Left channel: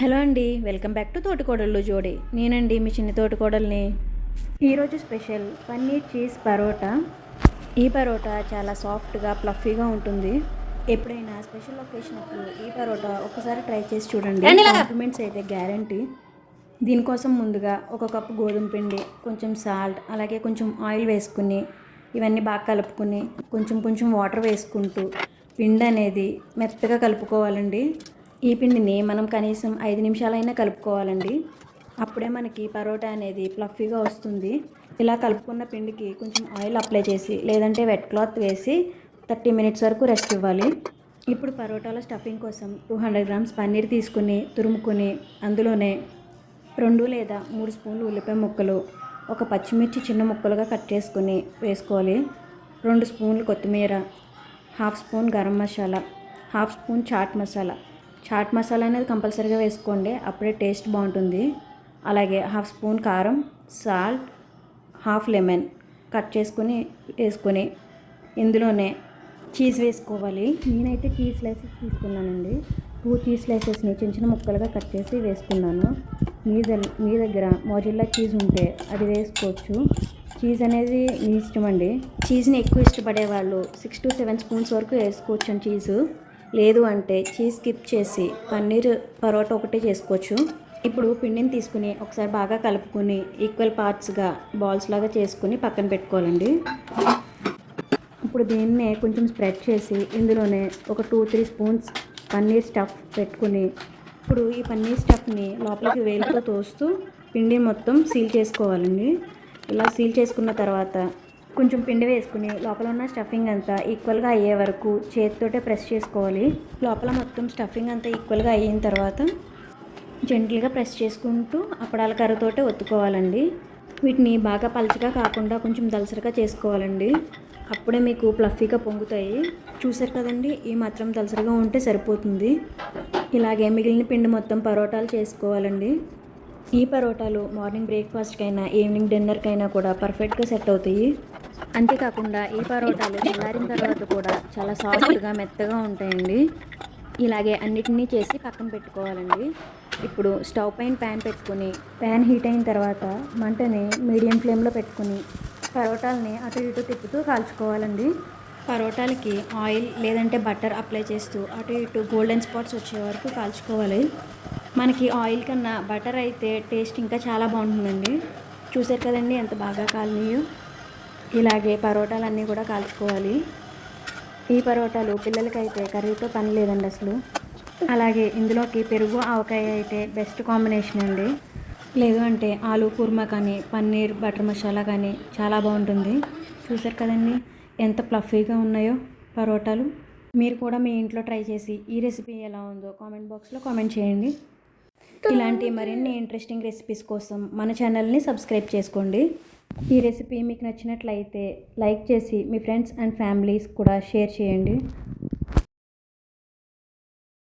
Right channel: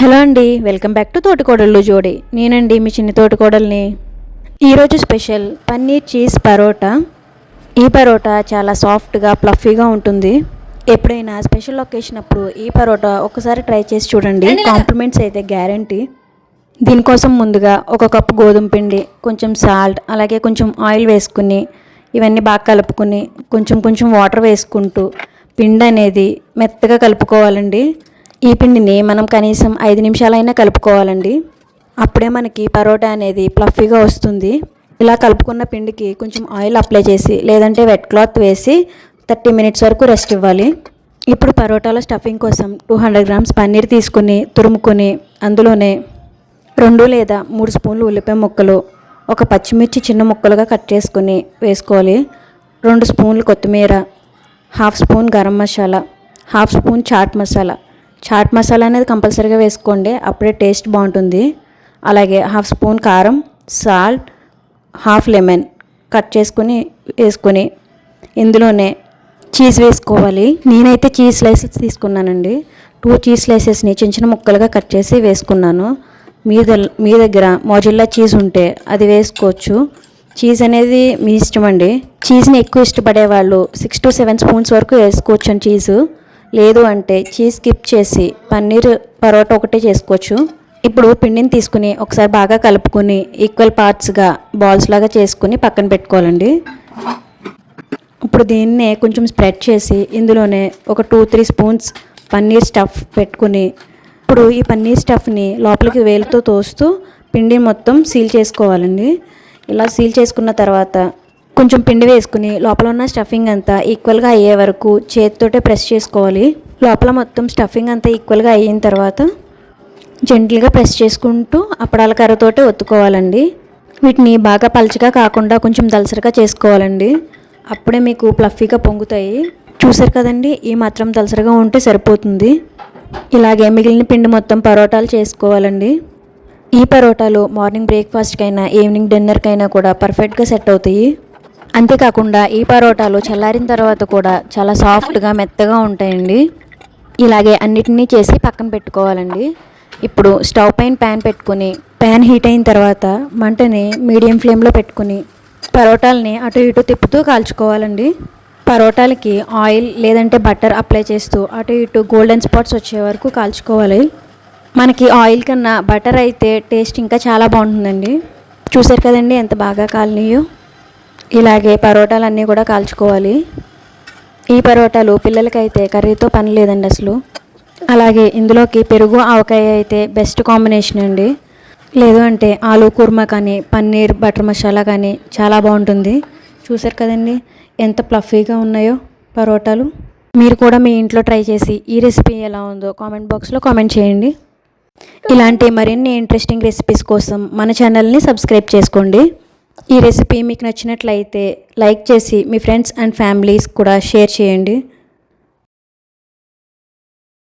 Hello అండి, welcome back to తోటికోడళ్ళు జోడి. నేనండి మీ చిన్ని తోటికోడల్ని. ఈరోజు స్పెషల్ పన్నీర్ చీజ్ పరోటా. ఈ పరోటా చాలా సాఫ్ట్గా ప్లఫీగా ఉంటుంది. ఎప్పుడైనా స్పెషల్ ఒకేషన్ అప్పుడు ఈ పరోటా ఒక్కసారి ట్రై చేసి చూడండి, కాంప్లిమెంట్స్ అయితే గ్యారంటీ. దీనికోసం ముందుగా ఒక కప్పు గోధుమ పిండి, కొంచెం సాల్ట్, అలాగే కొంచెం ఆయిల్ వేసుకుని ఇవన్నీ బాగా కలుపుకుని కొంచెం కొంచెం వాటర్ వేసుకుంటూ పిండి అనేది మెత్తగా కలుపుకోవాలండి. ఈ పిండిని మనం కనీసం 5 నిమిషాలైనా కలుపుకోవాలండి. అప్పుడే మనకి పరోటా అనేది ప్లఫీగా వస్తుంది. ఇలా కలుపుకున్న పిండికి కొంచెం ఆయిల్ అప్లై చేసి లేదంటే వెట్ క్లాత్ వేసి 30 మినిట్స్ వరకు రెస్ట్ ఇవ్వాలి. ఇప్పుడు పరోటాలో స్టఫింగ్ కోసం 200 గ్రామ్స్ పన్నీర్ తీసుకుని తురుముకొని అందులోనే 2 లేదా 3 స్పూన్లు ఉల్లిపాయ ముక్కలు, ఒక పచ్చిమిర్చి చిన్న ముక్కలుగా కట్ చేసుకుని వేసుకోవాలి. 2 స్పూన్లు కొత్తిమీర, 1/2 స్పూన్ గరం మసాలా, 1/2 స్పూన్ చాట్ మసాలా అనేది కంపల్సరీగా వేసుకోండి, అప్పుడే టేస్ట్ బాగుంటుంది. అలాగే 1/2 స్పూన్ కారం, సాల్ట్, 1/2 లెమన్ కట్ చేసుకుని వేసుకొని ఇందులోనే చీజ్ వేసుకోవాలి. నేనైతే చీజ్ స్లైసెస్ తీసుకున్నానండి. 2 చీజ్ స్లైసెస్ని చిన్న చిన్న ముక్కలుగా కట్ చేసి వేసుకున్నాను. మీ దగ్గర మోజెల్లా చీజ్ ఉంటే అది వేసుకోవచ్చు. చీజ్ అనేది మీ ఇష్టం అండి. చీజ్ని ఎక్కువ ఇష్టపడే వాళ్ళు 6 to 7 స్పూన్స్ వరకు వేసుకోవచ్చు అండి చీజు. లేదు అంటే చీజ్ స్కిప్ చేసి పన్నీర్ పరోటా ఒకటే చేసుకోవచ్చు. ఇప్పుడు పిండిని తీసుకుని ఒకసారి బాగా కలుపుకొని ఈక్వల్ పార్ట్స్గా బాల్స్ లాగా చేసుకుని పక్కన పెట్టుకోవాలండి. ఇప్పుడు దీన్నే కొంచెం స్ప్రెడ్ చేసి ఇందులోనే ఒక 2-3 స్పూన్స్ పన్నీర్ స్టఫ్ పెట్టుకుని ఇప్పుడు ఈ పన్నీర్ స్టఫ్ని లోపలికి వేలుతో తోస్తూ పిండి మొత్తం సీల్ చేసుకోవాలండి. ఇలా సీల్ చేసుకున్న తర్వాత కొంచెం పిండి వేసుకుని లోపల ఉన్న స్టఫింగ్ అంతా ఈక్వల్గా అయ్యే వరకు చేతితోటే ప్రెస్ చేసుకోవాలి. లోపల మొత్తం స్టఫింగ్ అంతా ఈక్వల్గా అయిన తర్వాత జెంటిల్గా ప్రెస్ చేసుకుంటూ అప్పడాల కర్రతోటే ఒత్తుకోవాలండి. వీటిని బాగా పలచగా కాకుండా కొంచెం దలసరిగా చేసుకోవాలండి. అప్పుడే మీకు ప్లఫీగా పొంగుతాయి. చూసారు కదండి, ఈ మాత్రం దలసరిగా ఉంటే సరిపోతుంది. ఇలాగే మిగిలిన పిండి మొత్తం పరోటాలు చేసుకోవాలండి. ఈ పరోటాలు మార్నింగ్ బ్రేక్ఫాస్ట్కైనా ఈవినింగ్ డిన్నర్కైనా కూడా పర్ఫెక్ట్గా సెట్ అవుతాయి. అంతేకాకుండా ఈ పరోటాలు చల్లారిన తర్వాత కూడా చాలా సాఫ్ట్గా మెత్తగా ఉంటాయండి. ఇలాగే అన్నిటినీ చేసి పక్కన పెట్టుకోవాలండి. ఇప్పుడు స్టవ్ పైన ప్యాన్ పెట్టుకుని ప్యాన్ హీట్ అయిన తర్వాత మంటని మీడియం ఫ్లేమ్లో పెట్టుకుని పరోటాలని అటు ఇటు తిప్పుతూ కాల్చుకోవాలండి. పరోటాలకి ఆయిల్ లేదంటే బటర్ అప్లై చేస్తూ అటు ఇటు గోల్డెన్ స్పాట్స్ వచ్చే వరకు కాల్చుకోవాలి. మనకి ఆయిల్ కన్నా బటర్ అయితే టేస్ట్ ఇంకా చాలా బాగుంటుందండి. చూసారు కదండి ఎంత బాగా కాలినాయో. ఇలాగే పరోటాలన్నీ కూడా కాల్చుకోవాలి. ఈ పరోటాలు పిల్లలకైతే కర్రీతో పని లేదండి అసలు. అలాగే ఇందులోకి పెరుగు ఆవకాయ అయితే బెస్ట్ కాంబినేషన్ అండి. లేదు అంటే ఆలూ కుర్మా కానీ పన్నీర్ బటర్ మసాలా కానీ చాలా బాగుంటుంది. చూసారు కదండి ఎంత ప్లఫీగా ఉన్నాయో పరోటాలు. మీరు కూడా మీ ఇంట్లో ట్రై చేసి ఈ రెసిపీ ఎలా ఉందో కామెంట్ బాక్స్లో కామెంట్ చేయండి. ఇలాంటి మరిన్ని ఇంట్రెస్టింగ్ రెసిపీస్ కోసం మన ఛానల్ని సబ్స్క్రైబ్ చేసుకోండి. ఈ రెసిపీ మీకు నచ్చినట్లయితే లైక్ చేసి మీ ఫ్రెండ్స్ అండ్ ఫ్యామిలీస్ కూడా షేర్ చేయండి.